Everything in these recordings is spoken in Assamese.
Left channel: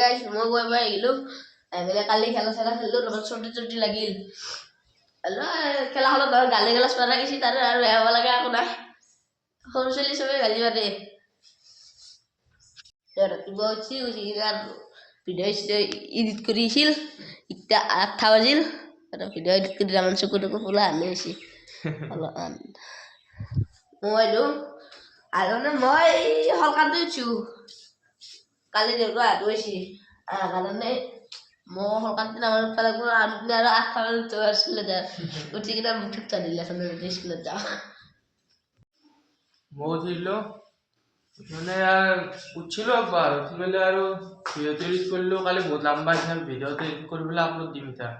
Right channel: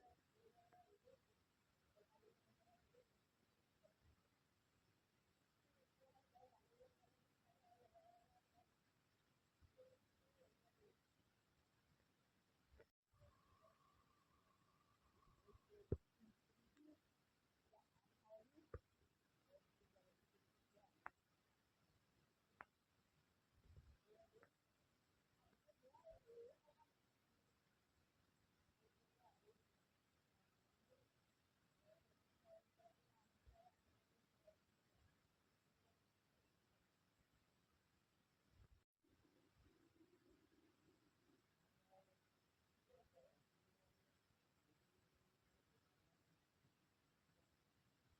গাইছ মই গৈ পাই আহিলোঁ আহিলে কালি খেলা চেলা খেলিলোঁ তাৰপৰা চৰ্দি লাগিল খেলাখনত ধৰ গালি গালাজ মাৰা গৈছে তাৰে আৰু বেয়া হ'ব লাগে একো নাই সৰু ছোৱালী চবেই গালি মাৰে ৰাতিপুৱা উঠি ভিডিঅ' চিডিঅ' এডিট কৰি আছিল এতিয়া 8টা বাজিল আৰু ভিডিঅ' এডিট কৰি আমাৰ চকু টকু ফুলা হানি হৈছে অলপমান মই আৰু মই সলকাতে উঠছোঁ কালি দেউতা হাত গৈছে কাৰণে মই সলকাতে নামাৰ পেলাই আৰু 8টা বজাত আছিলে উঠি কিনে মুঠত চানিলে স্কুলত যাওঁ মই উঠিলোঁ মানে উঠিলোঁ একবাৰ উঠি পেলাই আৰু ভিডিঅ'টো এডিট কৰিলোঁ কালি বহুত লম্বা হৈছে ভিডিঅ'টো এডিট কৰি পেলাই আপলোড দিম এতিয়া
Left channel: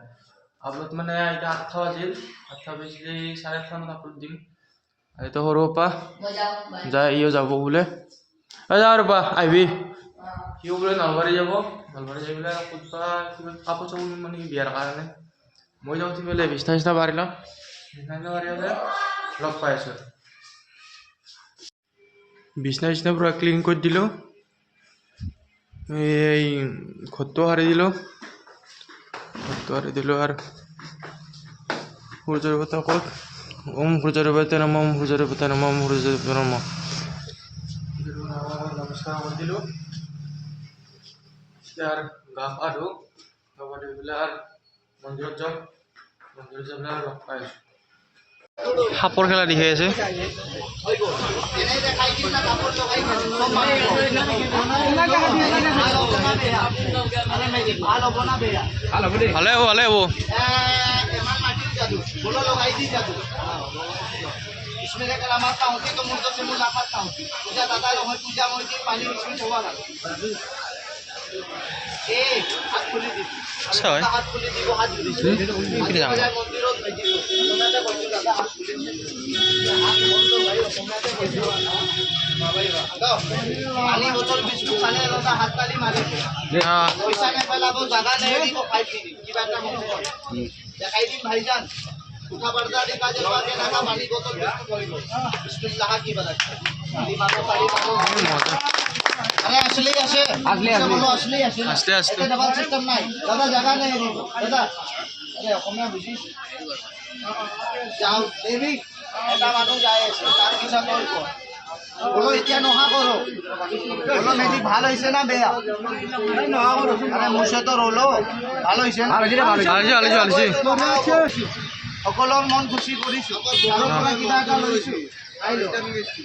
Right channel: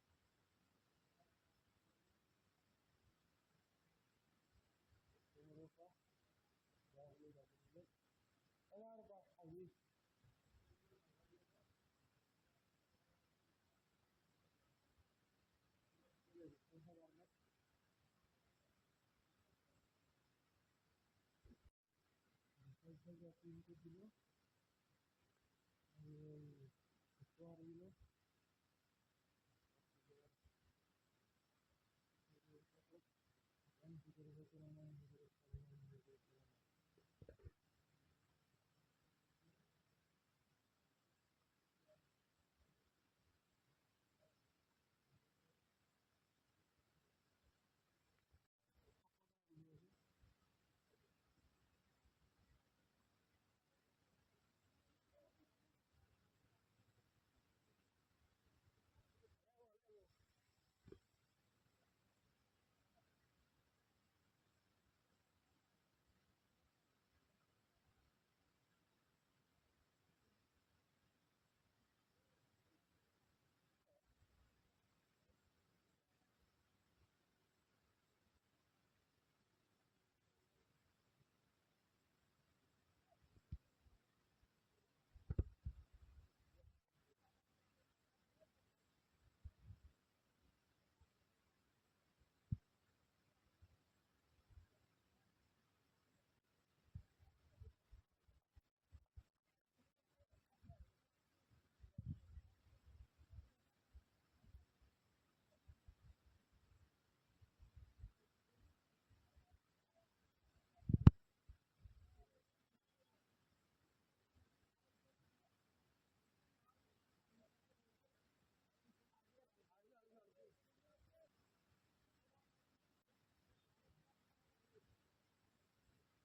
আপলোড মানে এতিয়া 8টা বাজিল 8টা বাজিলে 8:30 মানত আপলোড দিম এইটো সৰু পৰা যায় ইও যাব বোলে যা ৰ'বা আহিবি সিও বোলে নলবাৰী যাব নলবাৰী যাই পেলাই ক'তবা কিবা কাপোৰ চাপোৰ নিম মানে বিয়াৰ কাৰণে মই যাওঁ উঠি পেলাই বিছনা চিছনা পাৰি লওঁ বিছনা পাৰি হ'লে লগ পাই আছোঁ বিছনা চিছনা পুৰা ক্লিন কৰি দিলোঁ এই ঘৰটো সাৰি দিলোঁ আৰু সূৰ্যৰ কথা ক'ত ওম সূৰ্যৰ পতা নম ওম সূৰ্যৰ পতা নম ওম সূৰ্যৰ পতা নম নমস্কাৰ কৰি দিলোঁ আৰ গা পা ধুওঁ গা পা ধুই পেলাই আৰ মন্দিৰত যাওঁ মন্দিৰত যাই পেলাই লগ পাই আছোঁ সাপৰ খেলা দেখাই আছে ভালে হ'ব इसमें अगर मारता हूँ तो मुर्दों से मुलाकात हूँ पूजा दादा लोग पूजा मोदी पानी इसमें होगा ना हाथ खुली दी हाथ खुली दी वो हाथ जुड़ी मंदिरों पानी बोतल बिस्कुट खाने लगा हाथ ताली मारे पैसा नहीं पहला वो जगह नहीं दी वो फाइट की बात ना दिखाई दी भाईजान उठा पड़ता देखा जब आगे लगा पानी बोतल बिस्मिल्लाह की बरकत पानी मारो अरे असली बोलो असली ऐसे डबल सिस्टम नहीं दादा जगह नहीं दी दादा अरे অসমীয়া বুঝিস যাও দেবী এটা মানুহ যায় আছে তার পিছা করব বলো এতিয়া নহা করো বলো মেজিক ভাল হইছে না বেয়া নহা করো আরে মুছে তো রলো ভাল হইছে না সকলৰ মন খুশি কৰিছো আৰু পৰা কিবা এটা লৈছো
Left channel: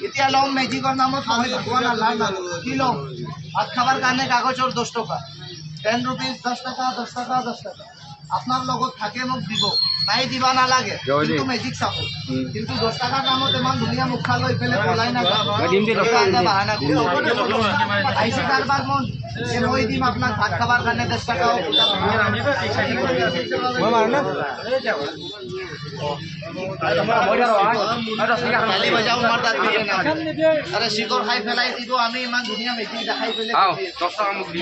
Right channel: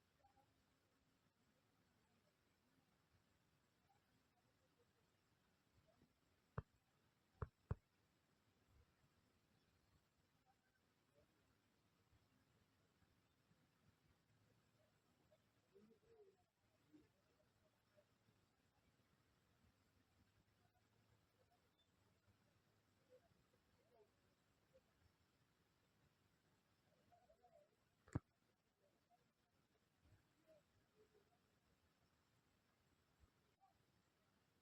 এতিয়া লম মেজিকৰ নামত সহায় ভগৱান আল্লাহৰ নামত কি লম ভাত খাবাৰ কাৰণে কাগজৰ 10 টকা 10 rupees 10 টাকা 10 টাকা 10 টাকা আপনার লগত থাকে মোক দিব নাই দিবা নালাগে কিন্তু মেজিক চাব কিন্তু 10 টাকাৰ নামত ইমান ধুনীয়া মুখা লৈ পেলে পলাই না দিম দি এটা বাহানা আইছে কারবার মন মই দিম আপনার ভাত খাবার কাৰণে 10 টাকা মই মার না তালি বজাও মার দাঁত আরে শিকর খাই ফেলাই দিব আমি ইমান ধুনীয়া মেজিক দেখাই ফেলে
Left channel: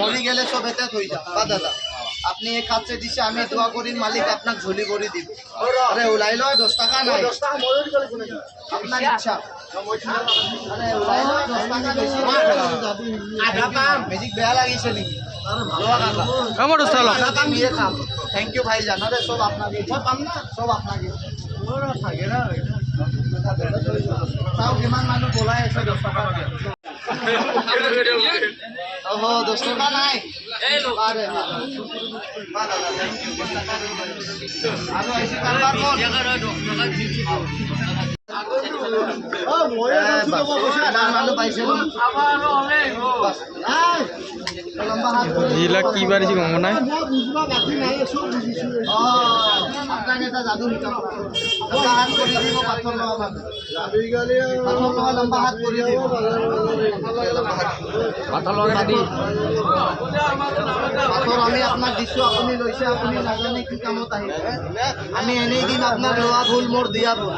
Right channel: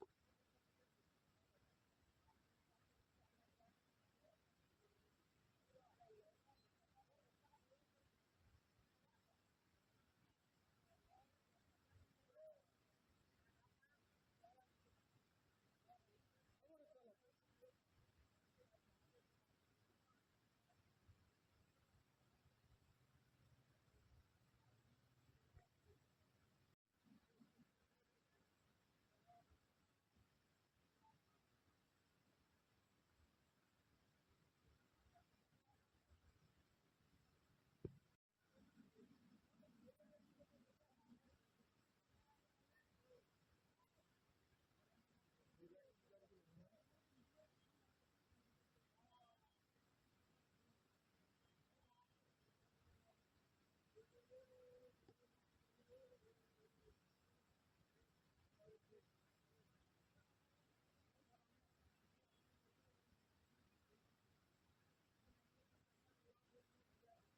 মরি গেলে সবেতে থই যা বা দাদা আপনি এক হাত से দিছে আমি দোয়া করি মালিক আপনাকে ঝুলি করে দিব আরে উলাই লয় 10 টাকা নাই 10 টাকা ময়ূর গেলে কোনে আপনার ইচ্ছা আরে উলাই লয় 10 টাকা বেশি আধা পাম মেজিক বেয়া লাগিছে নাকি আরে ভালো কাকা আমার দোস্ত আধা পাম দিয়ে খাম থ্যাংক ইউ ভাই জান আরে সব আপনাকে সব পাম না সব আপনাকে ওরা থাকে না তাও কিমান মানুহ বলাই আছে 10 টাকা ওহ 10 টাকা নাই এই লোক আরে বাবা থ্যাংক ইউ 10 টাকা আর আইসি কারবার কোন জায়গা 10 টাকা দিছি ও মই তো বসে মানুষ পাইছে আবারও হবে বাস নাই লম্বা হাত জিলা কি বাড়িছি গম নাই বুঝবা বাকি নাই সব বুঝিছো আপনাকে তা জাদু নিকাম লম্বা হাত করে দিব পাথর লওয়া মানে জাদু গেলে পাথর লওয়া লম্বা হাত করে দিব পাথর লওয়া দাদি পাথর আমি আপনাক দিছো আপনি লইছে আপনি নাজানে কি কামত আহিব আমি এনেই দিন আপনার লোয়া ভুল মোর দিয়া ভুল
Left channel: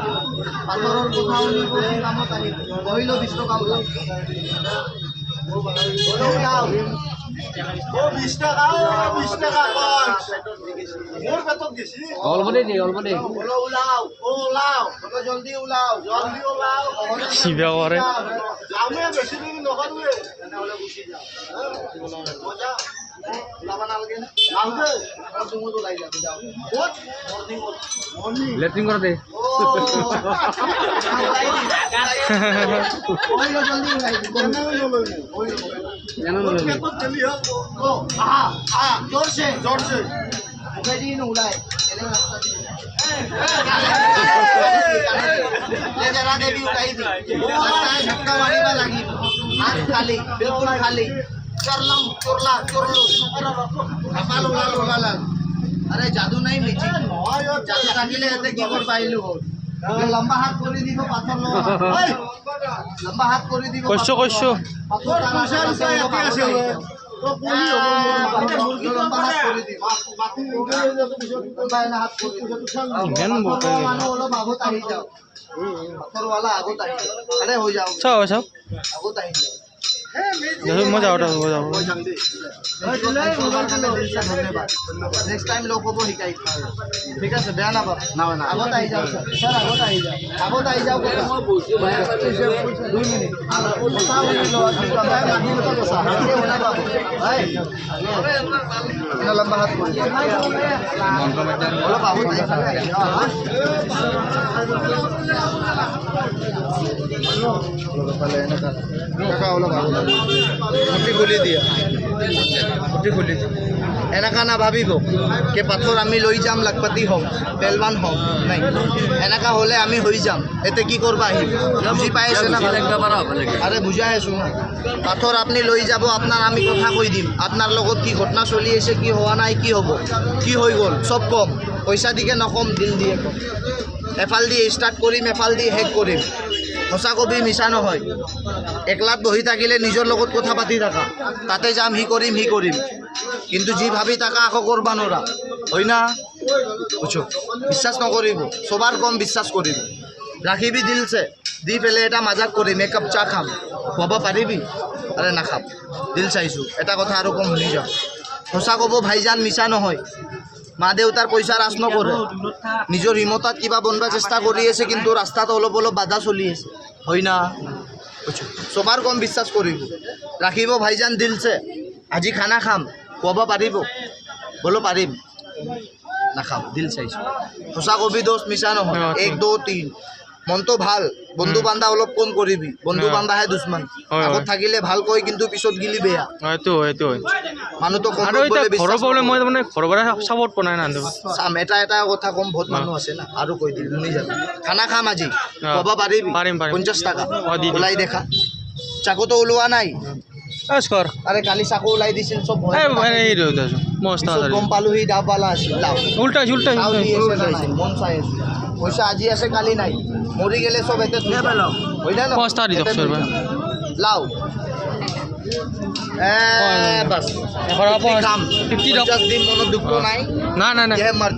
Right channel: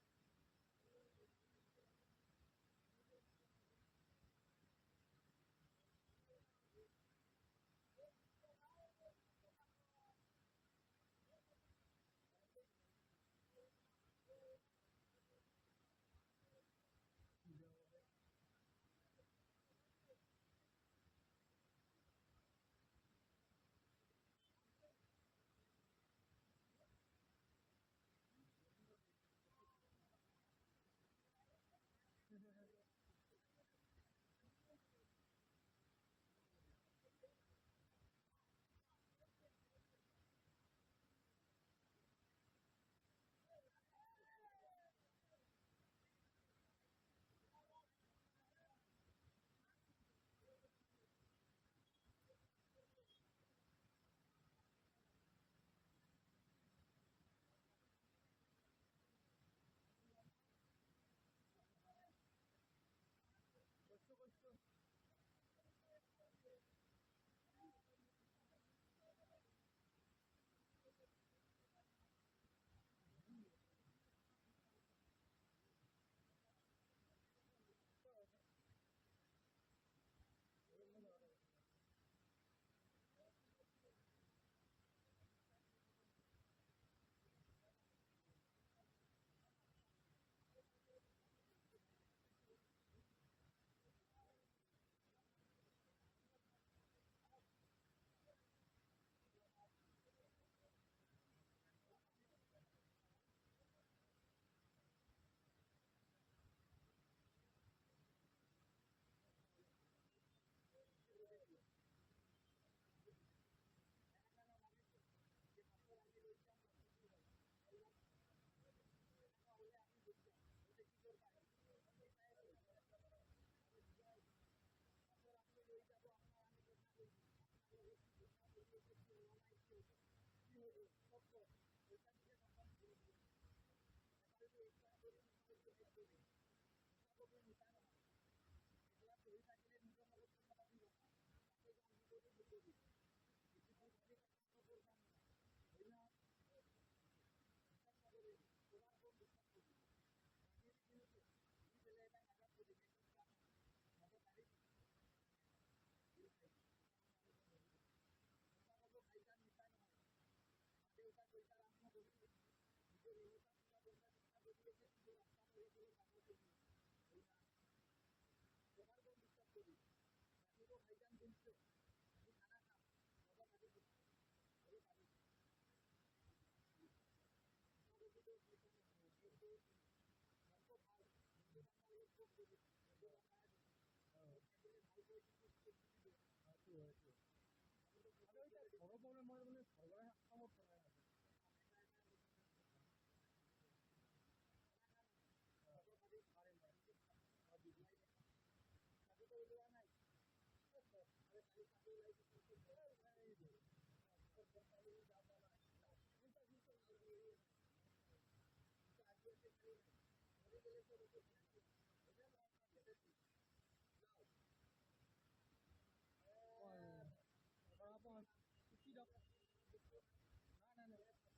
পাথরের কথা উনি কি কামত আহিব কইল 20 টাকা ও 20 টাকা মোর বেতন দিছি অল্প দে ওলাও জলদি ওলাও সিধা করে আমি বেশি দিন নকরবে না হলে গুছি যাও মজা ভালকে না তুমি ওলাই যাও যাও ক'ত মর্নিং লেট্ৰিন কৰা দে জলদি ওলাই जोर से उड़ाए जरा दे भी उड़ाई थी लगता है झटका मारी में लगी हाथ खाली बिल्कुल खाली चरलम चुरला चुरलू कपाल उड़ाल अरे जादू नहीं मिची जादू থাকিলে এতে কি কর পাইলু লম্বা হাত করে দিব পাথর লম্বা হাত করে দিব কৈছো পাথর আছে তো পুলি লম্বা হাত করে দিব হাত করে দিব কেন বলতে মানুষ অলপ আগত আহি যাও পাথরওয়ালা আগত আহি যাও আরে হৈ যাও চাও আগত আহি যাও দেখো মই যাওঁতে যাব নেক্সট টাইম লগ হ'ব শিকাই ঠিক আছে বেয়া নাপাব আগত আহি যাওক স্যার আগত আহি যাওক মই 2 মিনিট লম্বা হাত কৰি অলপ আগত কাকা অলপ আগত মুঠি খুলি দিয়া এনেকা না ভাবিব যে পাথর আমি লৈ যাম লাখপতি হম পেলৱান হম নাই এনেকা হলে আমি হৈ যাম এতে কি করবা আহিব বুঝি পাই আছে না আরে বুঝাই আছো না পাথর আপনি লৈ যাব আপনার আমি কথা কই দিম আপনার লগত কি ঘটনা চলি আছে কি হওয়া নাই কি হব কি হৈ গল সব কম পয়সা দিকে নকম দিল দিয়ে কম এফাল দি স্টার্ট কৰিম এফাল দি হেক কৰিম সঁচা কবি মিছা নহয় একলাত বহি থাকিলে নিজৰ লগত কথা পাতি থাকা তাতে যাম হি কৰিম কিন্তু যি ভাবি থাকা আকৌ কৰবা নৰা হয় না বুঝছো বিশ্বাস নকৰিব সবাৰ কম বিশ্বাস কৰিব ৰাখিবি দিলছে দি পেলে এটা মাজাক কৰিম একাপ চাহ খাম খুৱাব পাৰিবি আৰে নাখাম দিল চাইছো এটা কথা আৰু কম শুনি যাওঁ সঁচা ক'ব ভাইজান মিছা নহয় মা দেউতাৰ পইচা ৰাজ নকৰে নিজৰ হিমতত কিবা বনবা চেষ্টা কৰি আছে কিন্তু ৰাস্তাত অলপ বাধা চলি আছে হয় না সবাৰ কম বিশ্বাস কৰিব ৰাখিব ভাইজান দিলছে আজি খানা খাম খুৱাব পাৰিব বলো পাৰিম নাখাম দিল চাইছো সঁচা কবি দোষ মিছা নহয় 1 2 3 মনটো ভাল বন্ধু বান্ধা অলপ কম কৰিবি বন্ধু বান্ধাহে দুশ্মন আগত থাকিলে ভাল কয় কিন্তু পিছত গিলি বেয়া এইটো মানুহ তো কম আৰু এটা ঘৰৰ প্ৰব্লেম মই মানে ঘৰৰ পৰা সাপোৰ্ট বনাই না চাম এটা কথা কম বহুত মানুহ আছে না আৰু কৈ দিম শুনি যাবি খানা খাম আজি খুৱাব পাৰিবি পাৰিম 50 টাকা ওলাই দেখা চাকুটো ওলোৱা নাই স্কৰ আরে কালি চাকু ওলাই দিছিল সব ভয় মস্ত গম পালো সি ডাববালা আছিল উল্টা মন চাই আছে পয়সা আজি আছে কালি নাই মরি গেলে সব এতে হয় না মস্ত দি দক সর লাও বাস কাম 50 দিন মনত দুঃখ নাই না ये मर्द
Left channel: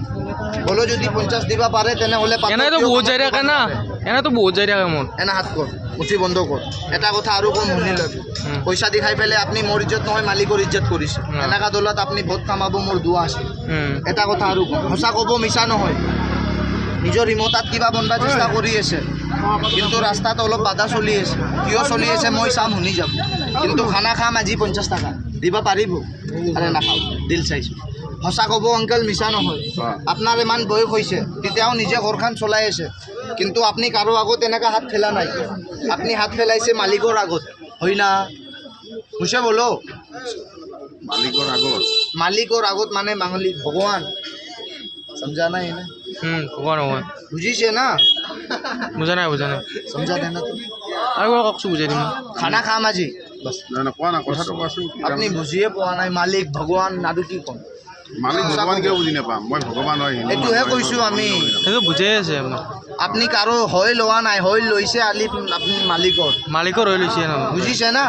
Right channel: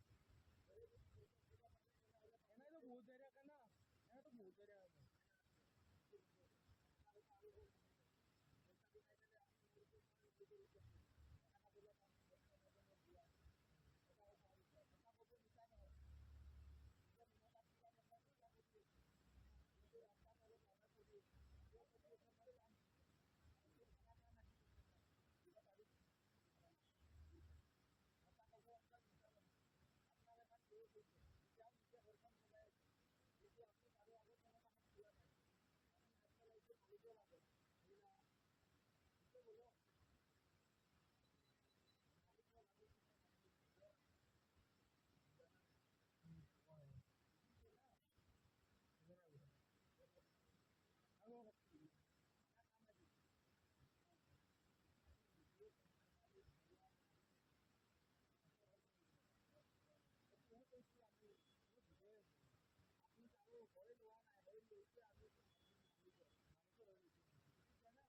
बोलो যদি 50 দিবা পারে তেনে হলে এনে তো বহুত যাই রাখে না এনে তো বহুত যাই রাখে মন এনা হাত কর মুঠি বন্ধ কর এটা কথা আৰু কোন শুনি লবি পয়সা দি খাই পেলে আপনি মোৰ ইজ্জত নহয় মালিকৰ ইজ্জত কৰিছে এনেকা দলত আপনি বহুত কামাব মোৰ দুয়া আছে এটা কথা আৰু কোন সঁচা কব মিছা নহয় নিজৰ হিমতাত কিবা বনবা চেষ্টা কৰি আছে কিন্তু ৰাস্তাত অলপ বাধা চলি আছে কিয় চলি আছে মই চাম শুনি যাম কিন্তু খানা খাম আজি 50 টাকা দিবা পাৰিব আৰে নাখাও দিল চাইছো সঁচা ক'ব অংকেল মিছা নহয় আপোনাৰ ইমান বয়স হৈছে তেতিয়াও নিজে ঘৰখন চলাই আছে কিন্তু আপুনি কাৰো আগত এনেকা হাত ফেলা নাই আপুনি হাত ফেলাইছে মালিকৰ আগত হয় না বুঝে বলো মালিকৰ আগত মানে মালিক ভগৱান समझा ना है ভগৱান বুঝিছে না বুঝা নাই समझा देना तो আৰু ককছো বুজাই দিম খানা খাম আজি বাস না কোৱা না কথাটো কোৱাচোন আপুনি বুজিয়ে পোৱা নাই মালিক ভগৱান নাদু কি ক'ম মালিক ভগৱান কিয় বুজি নাপাম মই ভগৱান হয় এইটোহে কৈছোঁ আমি সেইটো বুজাই আছে আপুনি কাৰো হৈ লোৱা নাই হৈ লৈছে আলি আপুনি মালিকৰ হৈ লৈছে ন বুজিছে না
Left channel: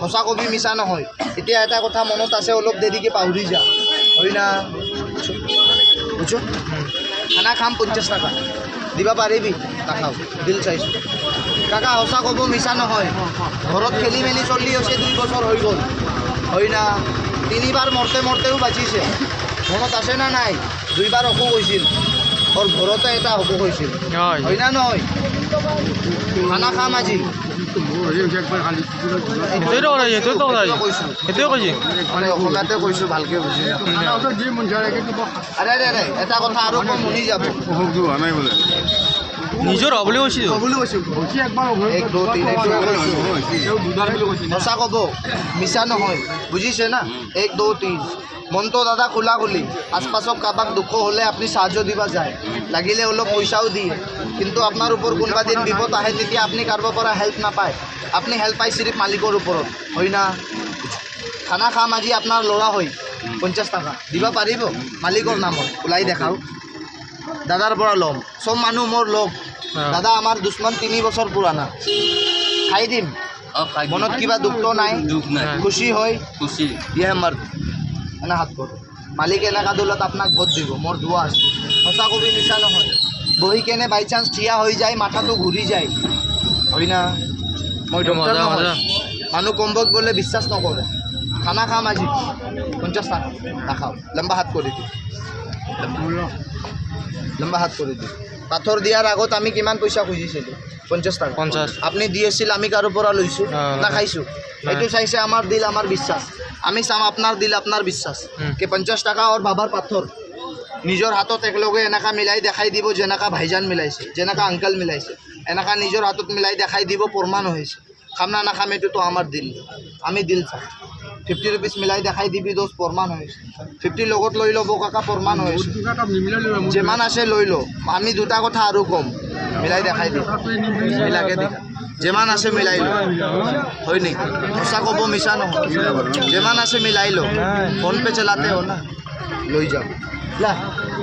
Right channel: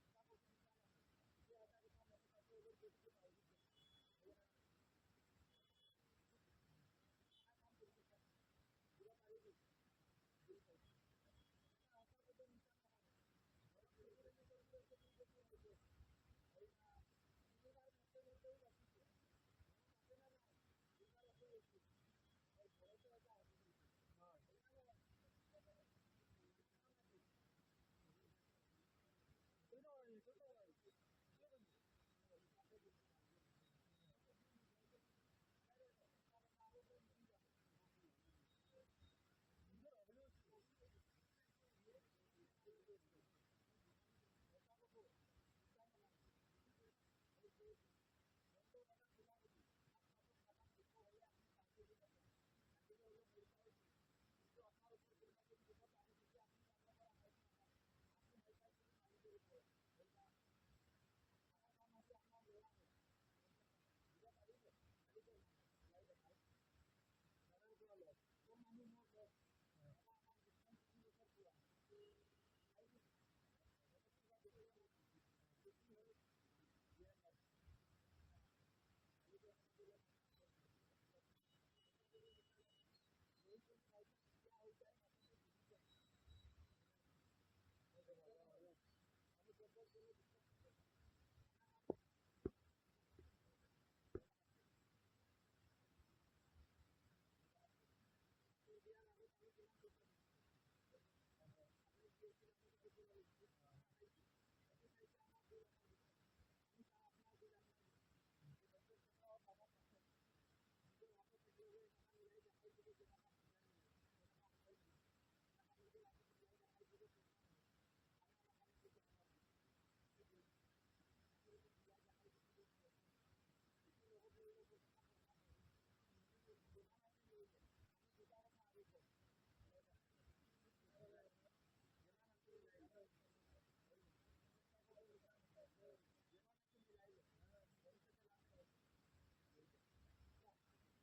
সঁচা কবি মিছা নহয় এতিয়া এটা কথা মনত আছে অলপ দেৰিকে পাহৰি যা হয় না বুঝছো খানা খাম 50 টাকা দিবা পাৰিবি নাখাও দিল চাইছো কাকা সঁচা ক'ব মিছা নহয় ঘৰত খেলি মেলি চলি আছে 2 বছৰ হৈ গ'ল হয় না 3বাৰ মৰতেও বাচিছে মনত আছে না নাই 2বাৰ অসুখ হৈছিল ওৰ ঘৰতে এটা অসুখ হৈছিল হয় না নহয় খানা খাম আজি সেইটোৱে কথা সেইটোৱে কথা কৈছোঁ সেইটোৱে কৈছে মানে অসমীয়াতে কৈছোঁ ভালকৈ বুজি আৰে আৰে এটা কথা আৰু কম শুনি যাব অসুখটো হোৱা নাই বোলে নিজৰ হ'ব বুলি কৈছে এক দুই তিনি সঁচা ক'ব মিছা নহয় বুজিছে না এক দুই তিনি মনটো দাদা খোলা খুলি আশপাশত কাৰোবাক দুখ হ'লে আপুনি সাহায্য দিবা যায় লাগিলে অলপ পইচাও দিয়ে কিন্তু আপোনাৰ ওপৰত কোনোবা দিন বিপদ আহে তেতিয়া আপুনি কাৰোবাৰ পৰা হেল্প নাপায় আপুনি হেল্প পায় চিৰিফ মালিকৰ ওপৰত হয় না খানা খাম আজি আপোনাৰ ল'ৰা হয় 50 টকা দিব পাৰিব মালিকৰ নামত ওলাই দেখাওক দাদাৰ পৰা ল'ম চব মানুহ মোৰ লগ দাদা আমাৰ দুশ্মন 3 বছৰ পুৰাণা খাই দিম মনত কিবা দুখটো নাই খুশি হয় ইয়ে মৰ্দ এনে হাত কৰ মালিক এলেকা দলত আপোনাক ভোট দিব মোৰ দোৱা আছে সঁচা কবি মিছা নহয় বহি কেনে বাই চান্স থিয়া হৈ যায় মাথাটো ঘূৰি যায় হয় না মই ডক্টৰ নহয় মানুহ কম্বক গ'লে বিশ্বাস নকৰে খানা খাম আজি 50 টাকা নাখাওঁ লম্বা হাত কৰি দিওঁ লম্বা হাত কৰি দিওঁ পাথৰ দিয়াৰ আগত আমি কিমান পইচা খুজিছিলোঁ 50 টাকা 50 আপুনি দি আছিল আমি কাৰো পৰা লৈছোঁ না খাইছোঁ এইটো চাইছে আমাৰ দিল আমাৰ বিশ্বাস আমি চাম আপোনাৰ দিল আপোনাৰ বিশ্বাস কি 50 টাকা আৰু বাবাৰ পাথৰ নিজৰ হাতত একলগে এনেকা মিলাই দেখাই দিব যেনেকা ভাইজান মিলাইছে যেনেকা আংকল মিলাইছে এনেকা নিজৰ হাতত মিলাই দেখাই দিব প্ৰমাণ হৈছে খাম না নাখাম এইটোতো আমাৰ দিল আমি দিল চাম 50 रुपीस মিলাই দেখাই দিবি দোষ প্ৰমাণ হৈছে 50 লগত লৈ ল'ব কাকা প্ৰমাণ হৈছে যিমান আছে লৈ ল আমি দুটা কথা আৰু কম মিলাই দেখাই দিম মিলাকে দেখা যিমান আছে মিলাই ল হয় নেকি সঁচা ক'ব মিছা নহয় যিমান আছে মিলাই ল ফোন পে চলাতে हो ना লৈ যাম লা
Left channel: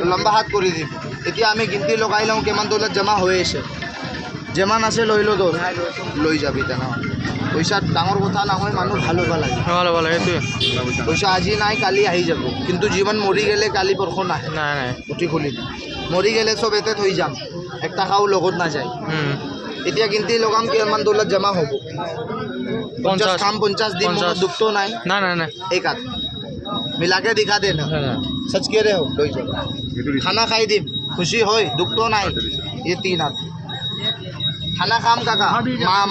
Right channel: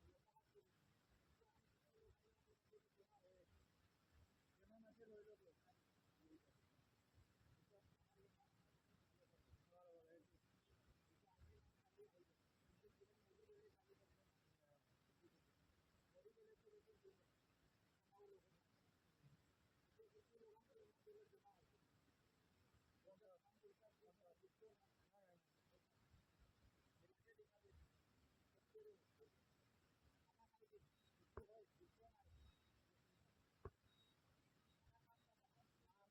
লম্বা হাত কৰি দিব এতিয়া আমি গিনতি লগাই লওঁ কিমান দৌলত জমা হৈ আছে যিমান আছে লৈ ল দোষ লৈ যাবি তেনেহ'লে পইচা ডাঙৰ কথা নহয় মানুহ ভাল হ'ব লাগে ভাল হ'ব লাগে সেইটোৱে পইচা আজি নাই কালি আহি যাব কিন্তু জীৱন মৰি গ'লে কালি পৰশ নাহে নাই নাই উঠি খুলি মৰি গ'লে চব এতে থৈ যাম 1 টাকাও লগত নাযায় এতিয়া গিনতি লগাম কিমান দৌলত জমা হ'ব 50 কাম 50 দিন মনত দুখটো নাই নাই নাই নাই एक हाथ मिला के दिखा देना सच कह रहे हो लो जाओ खाना खाई दी खुशी हो दुख तो नहीं ये 3 हाथ खाना खाम काका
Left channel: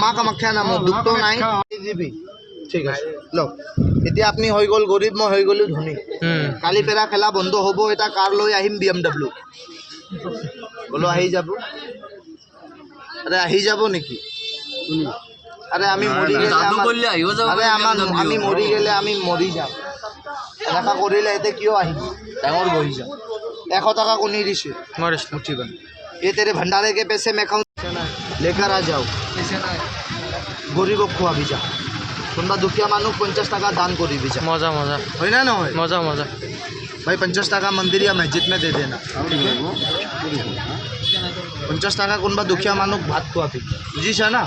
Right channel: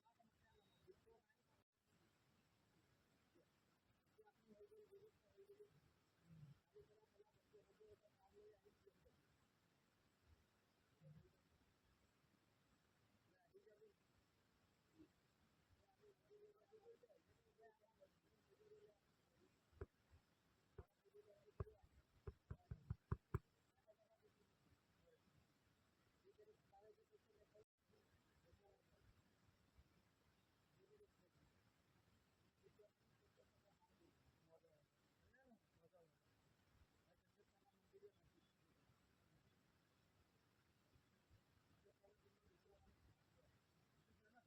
माँ का मक्खा नाम दुख तो नहीं দিবি ঠিক আছে লো এতিয়া আপনি হৈ গ'ল গরিব মই হৈ গ'লো ধনী কালি পেৰা খেলা বন্ধ হ'ব এটা কাৰ লৈ আহিম BMW বলো আহি যাব আরে আহি যাব নেকি আরে আমি মরি গেলে আরে আমার আমি মরি গেলে আমি মরি যাম এনেকা কৰিলে এতে কিয় আহিম ডাঙৰ বহি যাম 100 টাকা কোনি দিছে মাৰিছ मुठीबन ये तेरे भंडारे के पैसे मैं खाऊं लेकर आ जाओ गरीबक खुआबি যা কোনোবা দুখীয়া মানুহ 50 টাকা দান কৰিবি যা মজা মজা হয় না নহয় মজা মজা भाई 50 টাকা मंदिर या मस्जिद में दे देना 50 টাকা কোনোবা দুখীয়া মানুহ ভাত খুৱাবি বুজিছা না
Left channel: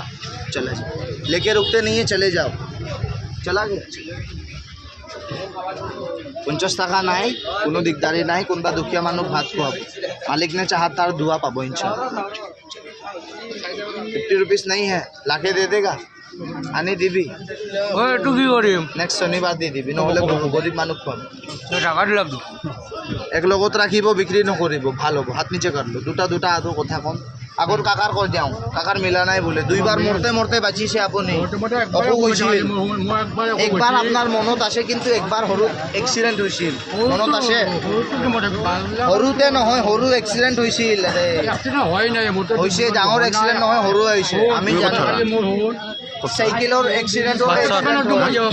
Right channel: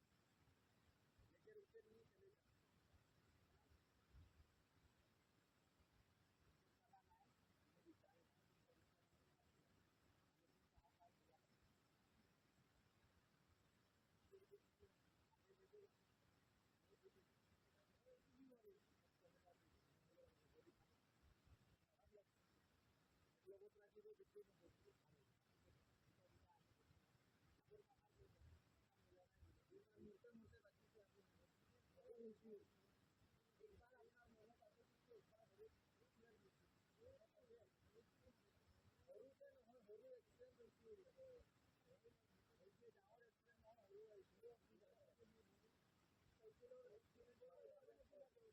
चले जाओ लेके रुकते नहीं है चले जाओ चला गया 50 টাকা নাই কোনো দিগদাৰি নাই কোনোবা দুখীয়া মানুহ ভাত খুৱাব মালিক ने चाहा तार दुआ पाबो इंशाल्लाह 50 रुपीस नहीं है लाके दे देगा आनी दिबी ঐ এইটো কি কৰিম नेक्स्ट शनिबार দি দিবি নহলে গৰিব মানুহ খুৱাব টাকা দিলাম এক লগত ৰাখিব বিক্ৰী নকৰিব ভাল হ'ব হাত নিচে কৰলো দুটা আৰু কথা কম আগৰ কাকাৰ কৈ যাওঁ কাকাৰ মিলা নাই বোলে দুইবাৰ মৰতে মৰতে বাচিছে আপুনি একবাৰ আপোনাৰ মনত আছে কিন্তু একবাৰ সৰু এক্সিডেণ্ট হৈছিল মনত আছে সৰুতে নহয় সৰু এক্সিডেণ্ট হৈছিল হৈছে ডাঙৰ এক্সিডেণ্ট নহয় সৰু হৈছে আমি জানো চাইকেলৰ এক্সিডেণ্ট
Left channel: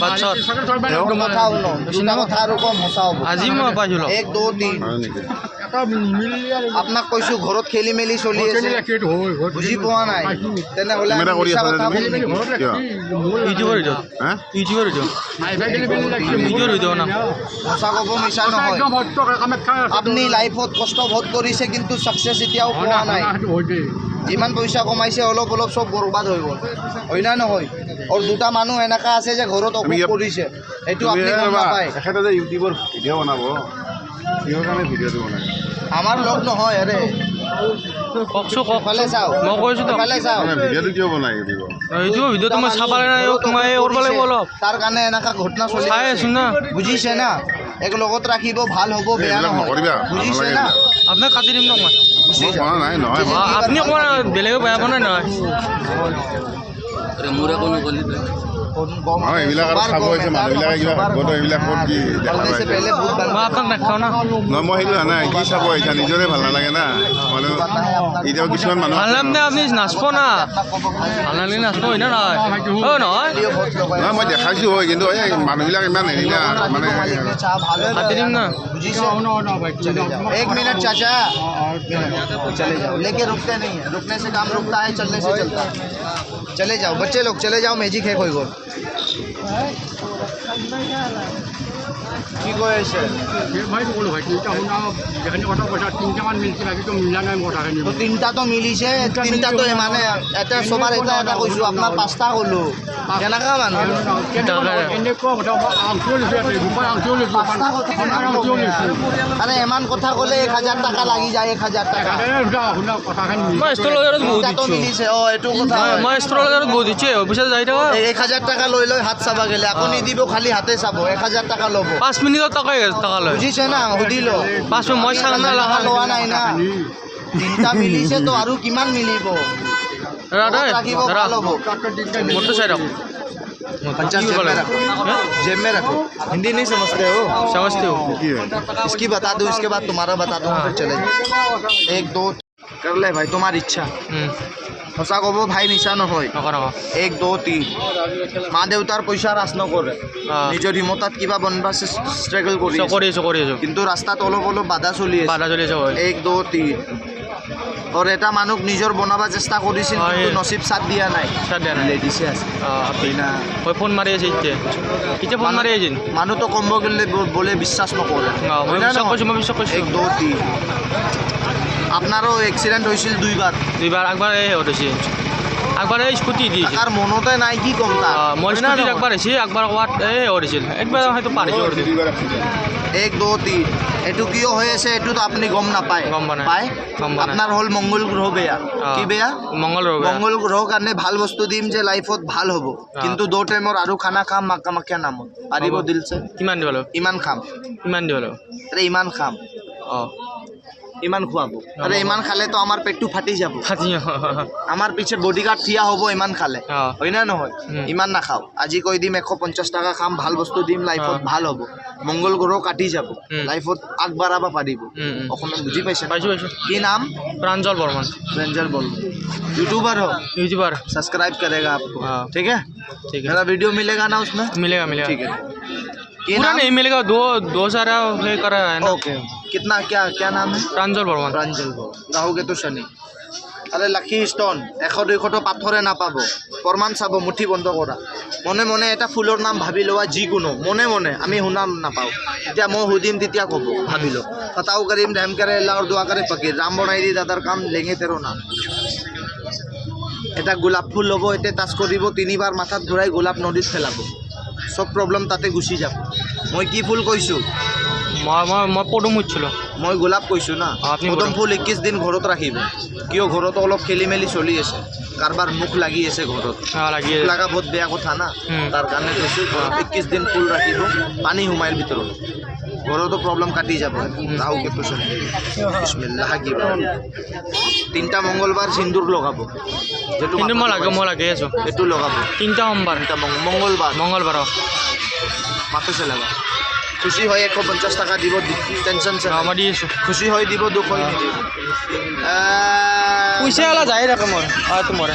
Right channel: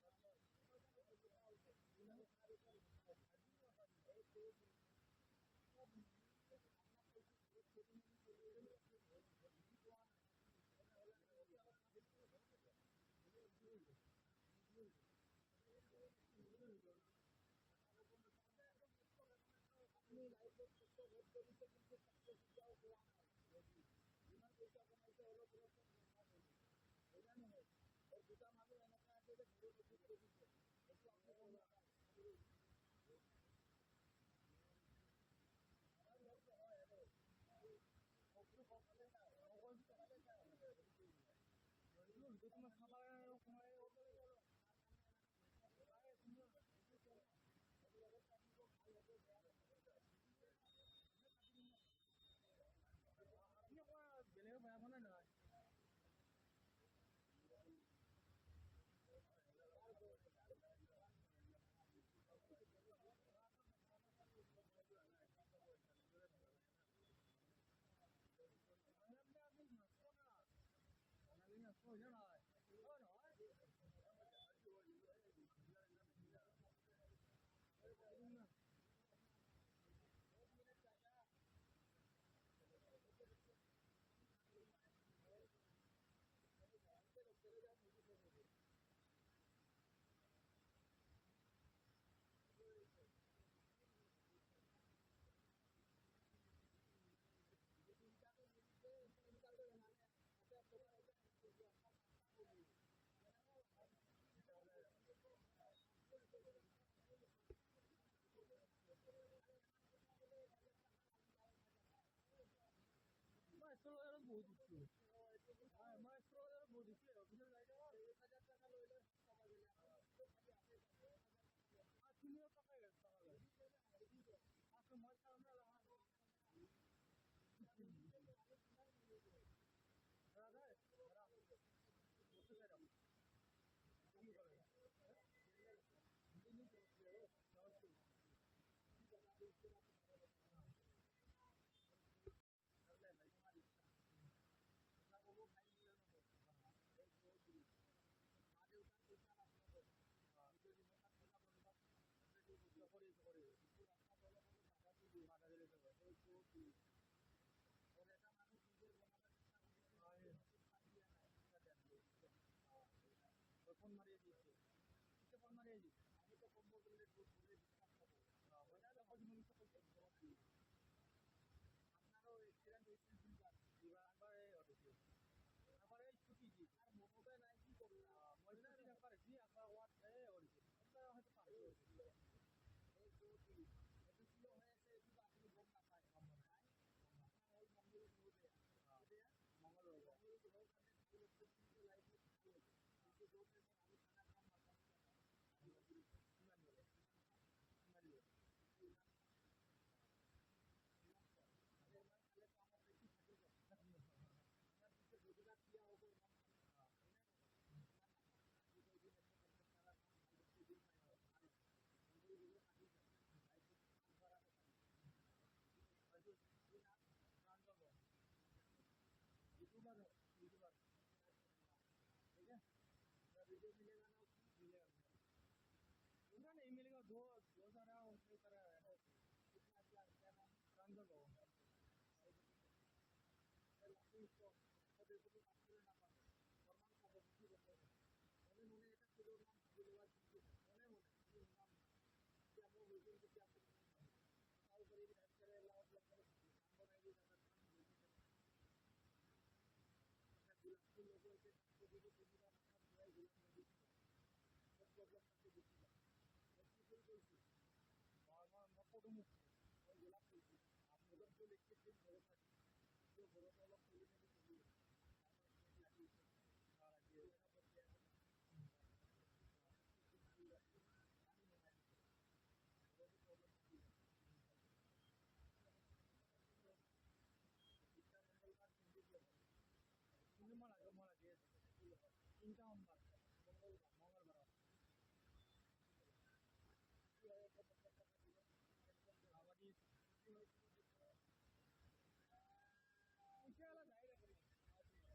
কথা শুনো দুটা কথা আৰু কম সঁচা হ'ব আজি মই পাইছোঁ 1 2 3 আপোনাক কৈছোঁ ঘৰত খেলি মেলি চলি আছে বুজি পোৱা নাই তেনেহ'লে কেমেৰা কৰি আছা তুমি কিয় ইউটিউবৰ ভিডিঅ' হা ইউটিউবৰ ভিডিঅ' ভিডিঅ'ৰ ভিডিঅ' না সঁচা ক'ব মিছা নহয় আপুনি লাইফত কষ্ট বহুত কৰিছে কিন্তু ছাকচেছ এতিয়াও পোৱা নাই যিমান পইচা কমাইছে অলপ অলপ চব বৰবাদ হৈ গ'ল হয় না নহয় আৰু দুটা মানুহ এনেকা আছে যে ঘৰত অসুখ কৰিছে এইটো আপুনি গম নাপায় এখেতে যে ইউটিউবৰ ভিডিঅ' বনাব কিহৰ কাৰণে ভিডিঅ'টো বনায় আমাৰ লগ নহয় আৰে কওকচোন কওক ফালে চাও মই কৈছোঁ তো ফালে চাও মানে ভিডিঅ'টো কিয় বনায় ইউটিউবৰ এইটো ভিডিঅ'টো মই চাব লাগে নাই তোমাৰ এই কৰিব লাগিব অলপ তাৰ কাৰণে এনেকা ঘটনা চলি চাই আছোঁ না বুজিছে না এক লগত ৰাখিব ভাল হ'ব বেয়া এইবিলাক নহয় নকৰিবা, বুজিছে নালাগে না আপোনাক কাটি দিম ন মই গুচি মই যাওক। বনা নাই নহয় আপুনি অকণমান বেলেগে বেয়া পোৱা নাই নহয় এইবিলাক আৰু চাব হৈছে মানুহবিলাকে কিবা ভাবত এইবিলাক ক'ত কি দেখা পাইছে নহয় মই সেইটো জানা কি চাব আহিছা নিজৰে ভাল নালাগে না মানে এতিয়াও কিছুমান মানুহ আপনি নাচব না ভাল নালাগে নাচব হয় না নহয় নহয় নহয় মই দেখাইছোঁ হয় কিন্তু এই মানুহবিলাক ইমান হেৰি না মানে কাটি দিম না एक मिनट चाचा चले जाओ लेके रुकते नहीं है रुकने से काम रुकता है चलने से चलता है चले जाओ बच्चे लोग चले जाओ मैजिक है कोई को কি কৈ আছে তিনিটাতো মিলিছে তিনিটাতো মানে এটা চবাৰ এটা এটা কৈছোঁ আপোনাৰ পাঁচটা ক'লোঁ কেনেকুৱা মানুহ আরে ইমান কথা ক'লে 1000 টাকা লাগি যায় 1000 টাকা তিনিটাতো মিলিছে এইটো কথা মই ষ্ট্ৰলত বহুত দিছে অফিচত যাই থাকা 1000 টাকা লৈ লৈ হাত চাবা গেলে আপুনি দিব খালি হাতে চাব 1000 টাকা ল'ব 5 মিনিটত টাকা লয় বুজিছে না সুধি ল 5 মিনিট মই চাং না টাকা লোৱা নাই না তিনিটা মিলিছে তো আৰু কিমান মিলিব ৰাখিব ভাল হ'ব মোৰটো চাই ৰাখ पंचायत जेब में रखो हिंदी नहीं समझते हो কি হয় इसकी बता दूं इसके बाद तुम्हारा बता दूं फिर चले जाओ 1 2 कर ले भाई तुम्हारी इच्छा সঁচা ক'ব ভাই মিছা নহয় 1 2 3 মা দেউতাৰ পইচা ৰাজ নকৰে নিজৰ হিমতাত কিবা বনবা ষ্ট্ৰাগল কৰি কিন্তু ৰাস্তাত অলপ অলপ বাধা চলি আছে 1 2 3 और এটা মানুহ নিজৰ বনাব চেষ্টা কৰিছিল কিন্তু নসিব সাথ দিয়া নাই লেডিছে আছে ফোন মাৰি আছে এতিয়া ফোন মাৰি আছে মানুহ তো কম্ব গেলে বলে বিশ্বাস নকৰে 1 2 3 আপনারও এক্সিডেন্ট হয়েছিল দুইবার একবার এই হয়েছে একবার এই স্কুটি দিয়েছে আর মনতে নাই কি কম তার মই স্কুটি একবার এসে একবার ওয়াট এই হয়েছিল একবার হয়তো পারিছে 1 2 3 এটু কিয় হয়েছে এটু তো আপনি গম না পায় পায় আপনার হল মঙ্গল গ্রহ বেয়া কি বেয়া মঙ্গল গ্রহ কাৰণে ভাল বস্তু দিম যে লাইফত ভাল হ'ব কিন্তু 2 টাইমৰ আৰু খানা খাম মাক্কা নামত পাৰিব দিলছে কিমান দিবলো ইমান খাম আৰে ইমান খাম ইমান খুৱাব আরে ইমান খালে তো আমার পেটটো ফাটি যাব আমার পিছে বডিগার্ড থিয়া হব ইমান খালে হয় না নহয় ইমান না খাও আজি কই দিম 150 টাকা খাম ভাল বস্তু দিম লাইফত ভাল হ'ব মঙ্গল গ্রহ কাটি যাব লাইফত আগবাড়াবা পাৰিব অসমত বুজি পাইছে কি নাম प्रांजल बर्मन यूट्यूबर हो सब्सक्राइब करेगा आपको ठीक है मेरा वीडियो मिलेगा ना उसमें मिलेगा ठीक है पूरा नहीं मिलेगा दो सारा है करा है ना ओके कितना क्या नाम है प्रांजल बर्मन গাহোগে তো শনি আরে লাকি স্টোন 100 200 পাথরে নাপাব প্রমাণ চাব মুঠি বন্ধ কৰা মনে মনে এটা ফুলৰ নাম ভাবি লোৱা যিকোনো মনে মনে আমি শুনাম নাপাও এতিয়া মই সুধিম তেতিয়া ক'ব ভাবি লো ফতাও কৰিম ধ্যান কৰে আল্লাহ और दुआ करे फकीर राम बनाई दी দাদাৰ কাম লেঙে তেৰো নাম এটা গোলাপ ফুল ল'ব এতে টাচ কৰিব তিনিবাৰ মাথাত ঘূৰাই গোলাপ নদীত ফেলাব সব প্ৰব্লেম তাতে গুচি যাব মই কি ফুল কৈছো মই পদুম উঠছিল মই গোলাপ কৈছো না পদুম ফুল 21 দিন ঘৰত ৰাখিব কিয় ঘৰত অলপ খেলি মেলি চলি আছে কাৰবাৰ মুখ লাগি আছে ঘৰত লাগা বহুত বেয়া কথা না তাৰ কাৰণে কৈছো 21 দিন ফুল ৰাখিব পানী হুমাইৰ ভিতৰত ঘৰতো প্ৰব্লেম কাটি যাব ৰাহু কেতু শনি বিসমিল্লাহ হাকিব তিনটা মঙ্গলবার সিন্দুর লগাব যেটো মই লাগে আছো এটো লগাব তিনটা সোমবার মঙ্গলবার মাথা চলাবা খুশি হয় 150 টাকা দিব টেনশন সে আমার দিয়েছো খুশি হয় দিব দুখ হয় নিদিব পইচা আলা যাই রাখে মই তোমার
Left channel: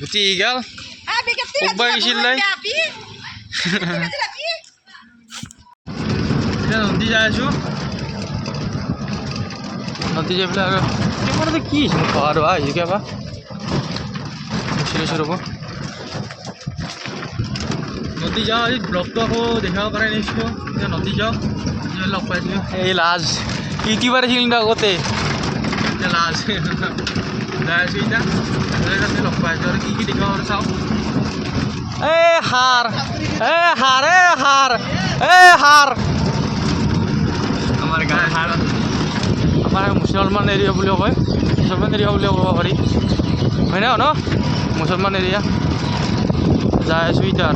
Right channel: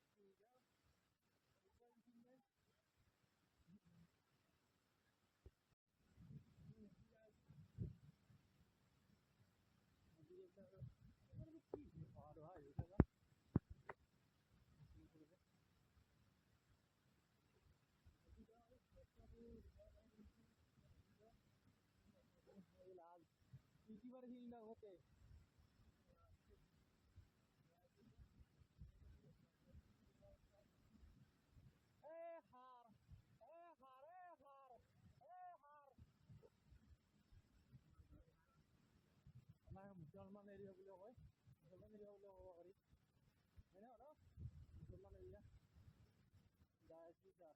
গুটি গেল একবার গেছিল নাই নদী যাই আছো নদী যাই পেলাই আৰু এবাৰতে কি পাহাৰ আহিছে কিবা ৰ'ব নদী যাওঁ আজি ব্লগটো আকৌ দেখাব পাৰে নিছিলোঁ এতিয়া নদী যাওঁ লগ পাইছিলোঁ এই লাজ ইউটিউবাৰ আছিল কিন্তু আগতে এতিয়া লাজ যাই আছোঁ এতিয়া লগ পাইছোঁ আৰু কি দেখাব আৰু চাওঁ হাৰ আমাৰ গায়ে হাৰ আমাৰ মুসলমান এৰিয়া বুলিও কয় মুসলমান এৰিয়া বুলিও ক'ব পাৰি হয় ন মুসলমান এৰিয়া যাই আছোঁ এতিয়া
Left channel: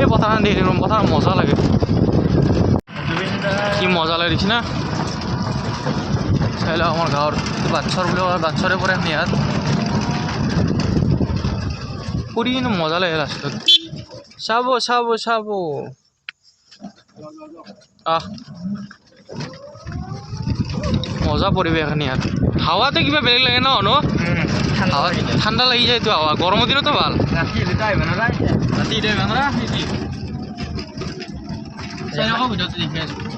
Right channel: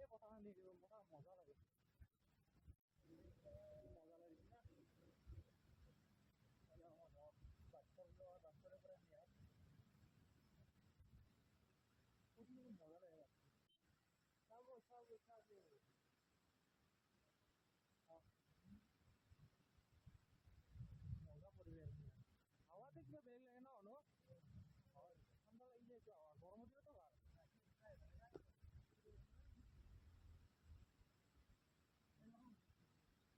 এই পথাৰ দেখি পথাৰ মজা লাগে কি মজা লাগে দেখিছ না চাই লওক আমাৰ গাঁৱৰ বাচ্চাৰ বুলি কয় বাচ্চাৰে পৰে ইয়াত কৰি কিন্তু মজা লাগে লাষ্টত চাব চাব চাব মজা পৰিৱেশ এখানি ইয়াত হাৱাটো কিবা বেলেগ লাগে ন হাৱা ঠাণ্ডা লাগি যায় তো হাৱা গৰমৰ দিনতো ভাল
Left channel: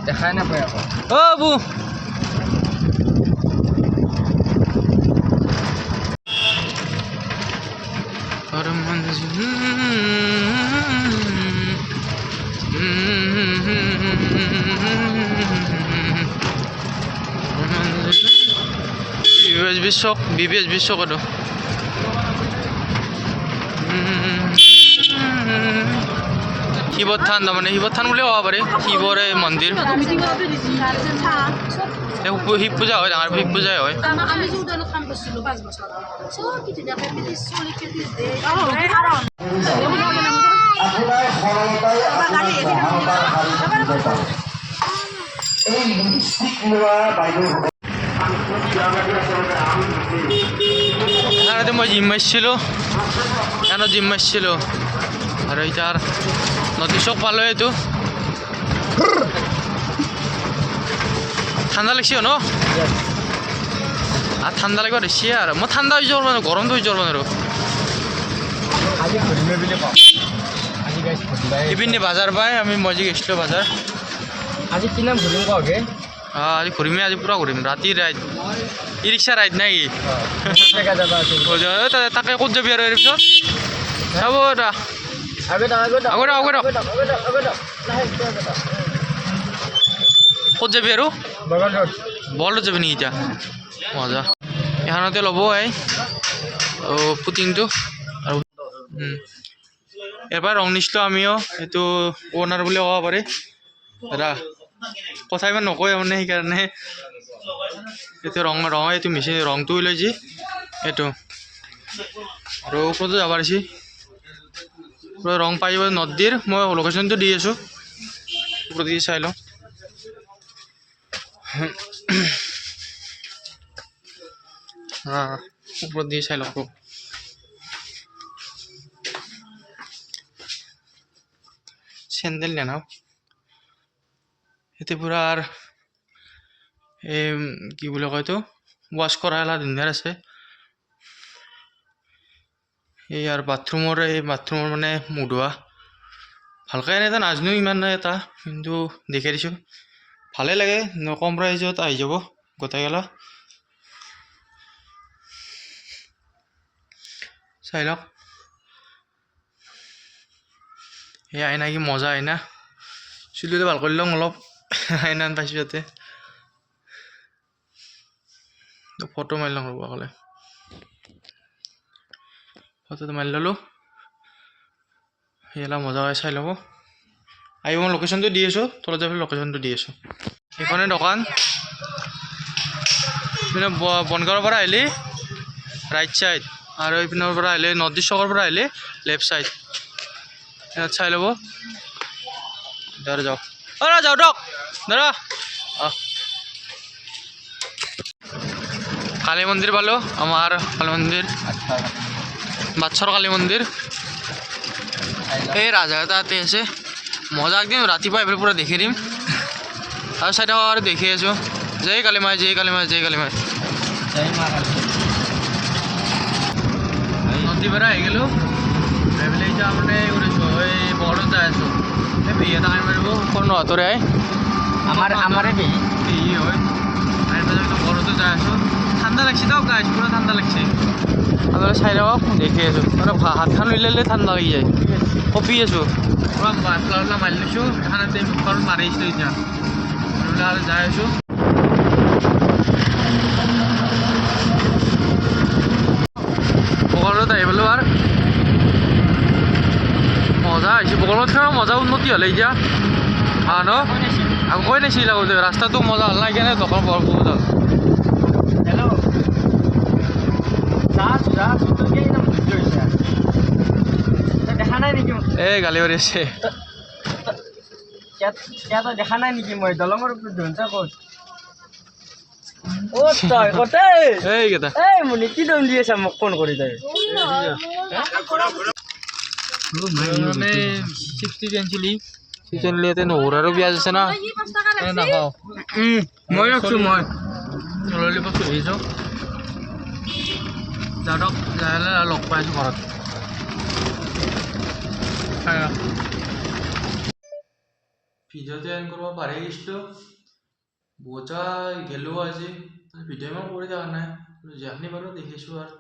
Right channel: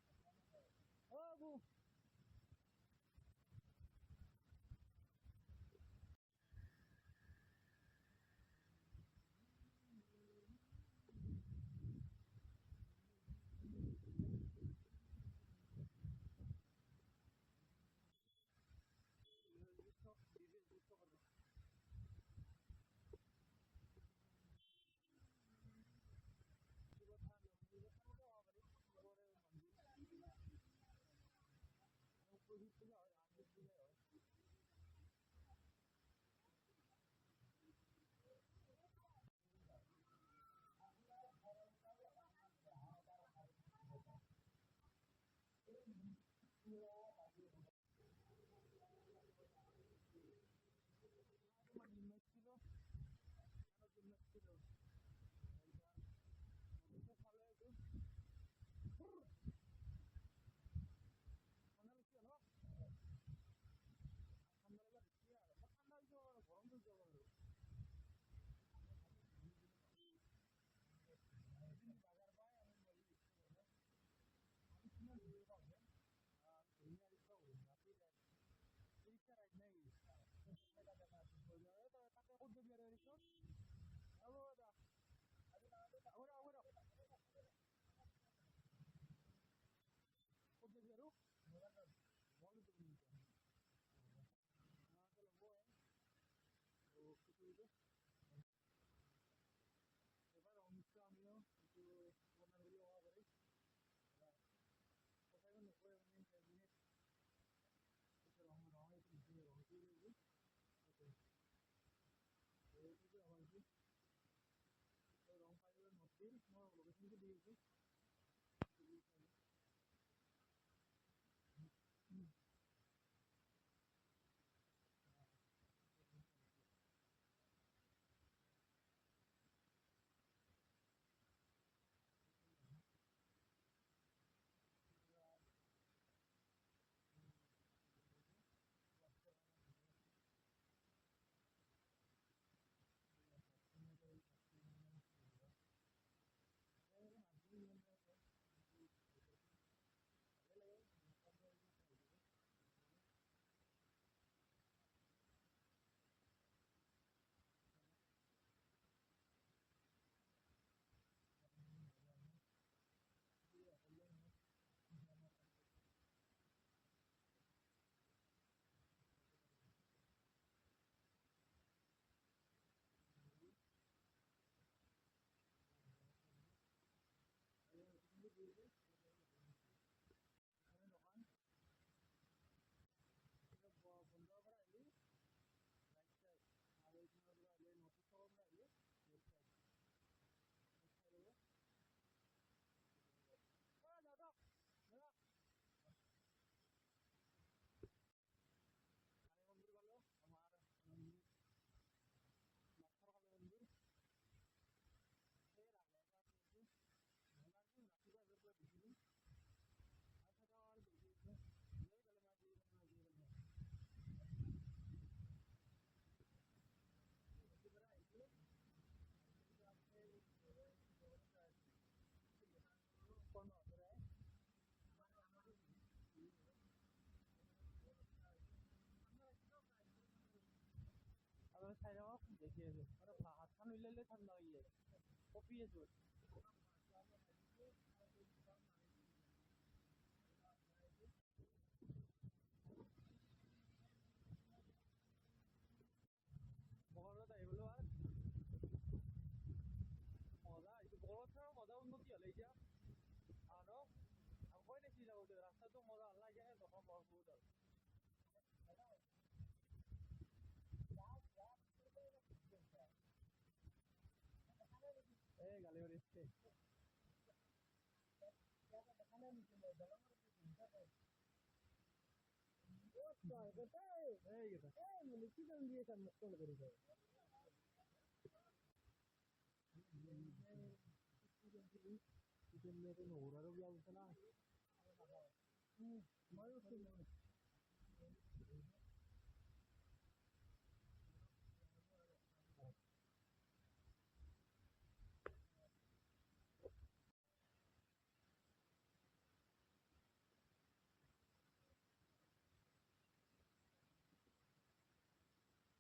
দেখাই নাপায় আকৌ অ' বু BBS বিশ্বক এইটো শিৱৰ থান তাৰমানে শিৱৰ থান বুলিও ক'ব পাৰি শিৱৰে মন্দিৰ শিৱ পূজা হয় ডাঙৰ শিৱ পূজাই হয় এখানে মই জিম মাৰিছিলোঁ এখানে জিম মাৰিছিলোঁ আৰু এতিয়া নদী চক পালোঁ এইটো ঠাণ্ডা লাগছে ন আৰ ঠাণ্ডা লাগিব দিছে আৰু মই ঠাণ্ডা হৈ যাব মানে গৰমটো হৈ যাব মানে আৰু ইপিনে বাজাৰ পাই আমি মজি গৈছিলোঁ বাজাৰ আজি কি নাম ঘূৰিম কওঁগে আজি ঘূৰিমেই আজি পূৰা ঘূৰিম ৰাতি ৰাইড ই ৰিক্সা ৰাইড নাই তাকে ক'ত যাবি আৰু পিছত চাব এটা ক'ত যাবি আৰু বলত যাবি নেকি এতিয়া মজা এখানতে ল'ব পুটিংটো আৰু এবাৰ ৰং নিছিলোঁ আমিও এইটো অ'নাৰ বুলি ক'ব পাৰি দাদা কথা ইমান নকয় মানে সেইকাৰণে এইটো ৰং এইটো মেচিন ৰংটো লৈ যি এইটো আৰু ওপৰতো যাব পাৰিছে পুৰা ৰং পাই যাব নদীৰ মই লোকেশ্যনটো দি আছোঁ ওপৰত দি চাই লওঁ ওপৰত দি চাই লওঁ চেণ্ডেল নেনাও এতে পুৰা এই কি বুলি কয় এইটো ৱাছ কৰা এলা ধুনীয়াৰ আছে এই আৰু বাথৰুমৰ মানে মুধোৱা ভালকৈ এনে এটা নাজানো ইমান এটা কিন্তু দেখাই দিছোঁ ভালেই লাগে কম প্ৰাইজত আহি যাব গোটেইগেলা চাই লওক এই আইনা কি মজা আইনা চুলিটো ভাল কৰি লওঁ অলপ আইনা পাইছোঁ ইয়াতে ফটো মাৰি লওঁ ৰ'ব ক'লে ফটোটো মাৰি ল'লোঁ সেইবিলাক মজা হয় চাই ল'ব আহিব মই লোকেশ্যনটো দি আছোঁ তলত যাবলৈ লোকেশ্যনটো দি আছোঁ সেইখনে দোকান এইপিনে বনগাঁৱৰ পৰা আহিলে ৰাইট ছাইড আৰু এইপিনৰ পৰা আহিলে নৰ্থ ইষ্ট চকৰ পৰা আহিলে লেফ্ট ছাইড ইয়াত চাই ল'ব দাদা যাওক যাওঁ দিয়ক দাদা কালী মন্দিৰ পালোঁ আমাৰ কালী মন্দিৰ বাচ্চাৰ কালী মন্দিৰ এই ৰাজহাঁহ তাতে আছে মজা একদিন ৰাতিপুৱা এইফালে পূৰা দেখি দিম আৰু চাই থাকক আৰু দেখি আছোঁ জয় কালী মাই জয় কালী মাই জয় কালী মাই নদীৰ পৰা আহি গ'লোঁ এইফালে এতিয়া মানে কৰিছোঁ এই বৰত যাই আছোঁ এই বিয়া এটা আনি মাৰিব কোনো হাতৰে আমাৰে বিহি হয় আনি পেলাই বৰতো যাই আছোঁ ঠাণ্ডা লাগছে দিয়ক গাইছ পুৰা ঠাণ্ডা লাগছে আপোনালোকে চাই থাকক দেখি আছোঁ মানে হাতখন উলিয়ালে ঠাণ্ডা লাগি যায় কঁপি আছোঁ পুৰা বাছলা মাৰি লৈছোঁ এখানতে মুখখন মাৰি আছিলোঁ এতিয়া আৰু যাই আছোঁ বগলত আহি পালোঁ আৰু মজা হৈছে বগলত মজা উন্নতি হ'লে এতিয়া ন আকৌ কৈ নাছিল আকৌ ৰাস্তাটো মজা হ'ল নাই কেনে দোকান বৰ বহুত হ'ল দেখা নাই নেকি এই গালি পাৰি আছে দেখা নাই নেকি মই দলঙৰ ওপৰত ধুনছা ক'ত তই কতে এইকেইটা মুনি কি দম দি আছা মোক ফোন কৰি তই মানে চিপছ টিপছ আনিছিলি চিপছ আনিলি ইয়াতে নহৰু আৰু পিঁয়াজ আছে না নাখাওঁ মই ৰাখছোঁ মই ললিপপটো আহিছোঁ দাদক লাহে লাহে লগ পাই আছোঁ ঘৰত ভিডিঅ'টো এণ্ড কৰিব পাৰি গৈছিলোঁ বহুতা গেলোঁ আজি ভিডিঅ' ইমান কৰি থকা নাই যিখিনি বাৰু দেখিছোঁ আৰু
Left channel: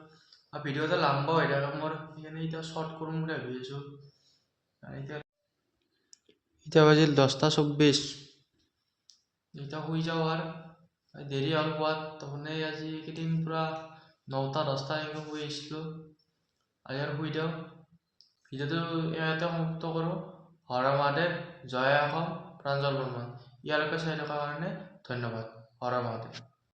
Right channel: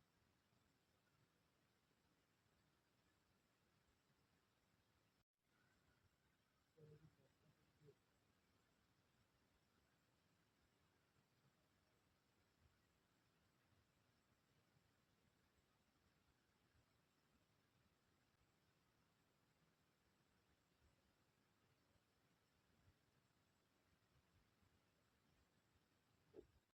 ভিডিঅ' এটা লাম্বা হৈ থাকে মোৰ সেইকাৰণে এতিয়া শ্বৰ্ট কৰিম বুলি ভাবি আছোঁ এতিয়া বাজিল 10:24 এতিয়া শুই যাওঁ আৰু দেৰি হ'ল পোৱাত তাৰমানে আজি এইকেইদিন পূৰা 9টা-10টা এনেকৈ শুই আহিছিলোঁ আজি আৰু শুই দিওঁ ভিডিঅ'টো ইয়াতে সমাপ্ত কৰোঁ হৰ মহাদেৱ জয় অসম প্ৰাঞ্জল বৰ্মন ইয়ালৈকে চাই থকাৰ কাৰণে ধন্যবাদ হৰ মহাদেৱ